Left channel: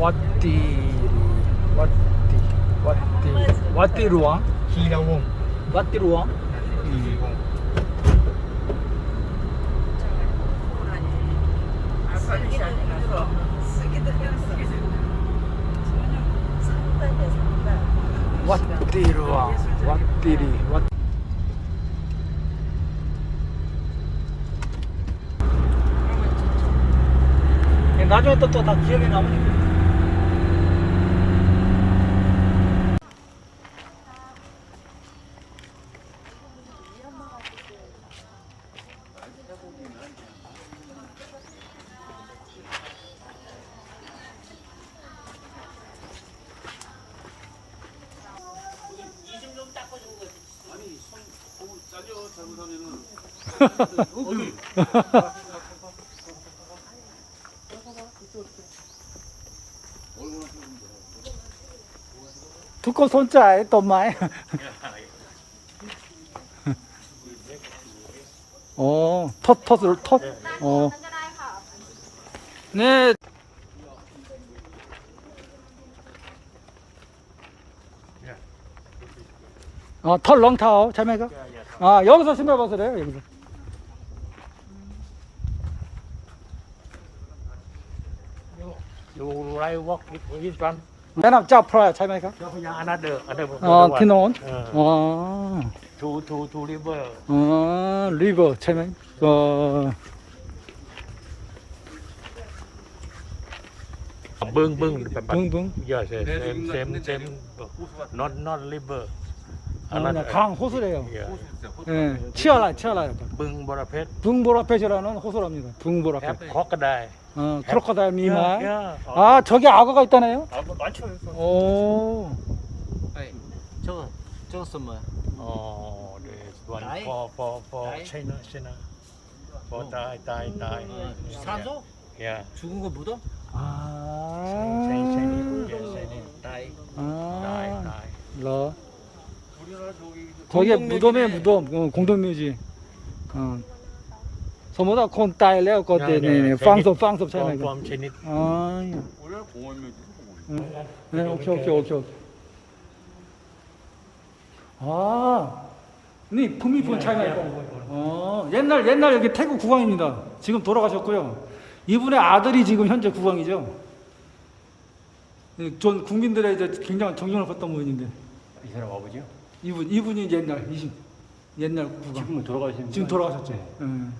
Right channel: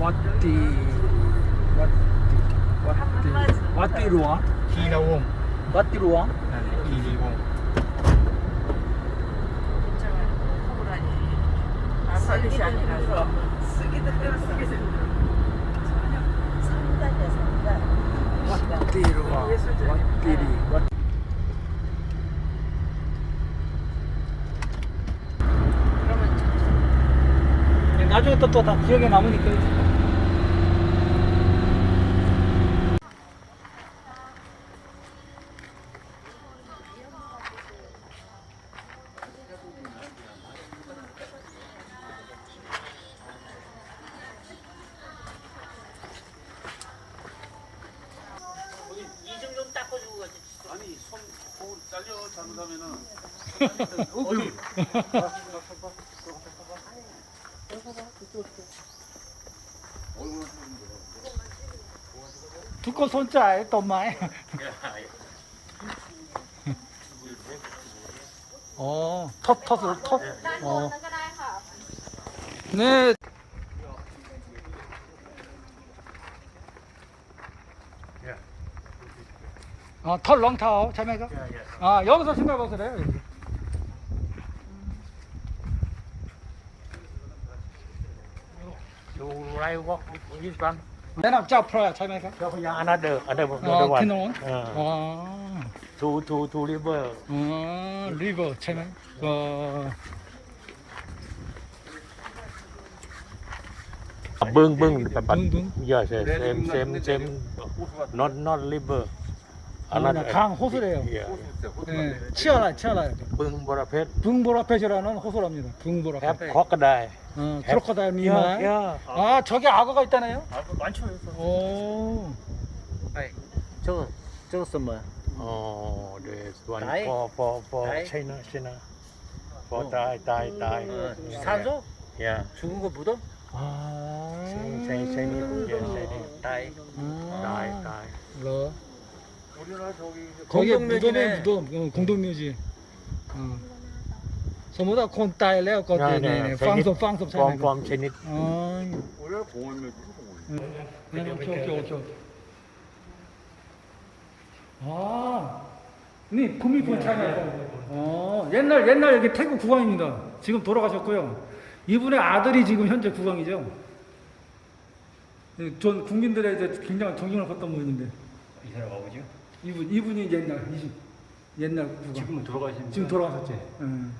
왓띠 왓띠 왓띠 왓띠로 와? 길가웅 왓띠로 와? 왓띠로 와 왓띠리 왓 나중에 또 또 다 기억에 남으니까 아니, 손 두꺼 손자 했던 말. 어, 터, 터, 텃. 어. 네. 어, 털 렁타오 자매가. 아 여기서 숨겨봐서래요 여기서. You like walk with this one? 맨 앞, 자, 프라야, 자매가. Another, another, 아, another one. 디노온. 아, Two, two, two river. 아, 리버, 자매. 어, Bưng bưng. bưng. Bưng bưng. Yes, yes. Same, same, same. Not, not river. 아, 그냥 강 호수래요. 예. 예, 치아라, 치아라. 벙보라 뱃. 붕보라펫이라는 호수랍니다. 붕보라펫. 과거다이. 어, 크로커다일 미만. 야, 야. 아, 저기 악어가 있다네요? 아, 뭐 많죠. 오, 아니, 저 저거 써 뭐야? 어, 네, 다이. 포, 포, 포, 체나, 체나. 포, 다이, 다이, 다이. 음, 음, 음. 산소? 예. 죽은 거 묻어? 아, 거기에 공동묘지네. 무덤에 무덤, 어, 공동묘지. 어. 소모다 콘 따일래요, 거기, 네, 네, 빵섭, 빵섭 ฟอร์ม 차이나. ฟอร์มชนิด 아, 네, 오케이, 오케이, 오케이. 오케이. 아, 니 구미폰 차이나 어, 옛날 옛날 여기 태국 국왕입니다. 지금 돌아가셨고요. 이분의 아들이 지금 현재 국왕이죠. 예, 전 국민들의 이제 굉장한 존경을 받던 분인데 이 사람 아버지요? 이분 이분이 이제 옛날 20 옛날 구강 지금 돌아가신 지금 돌아가셨죠. 예. 음.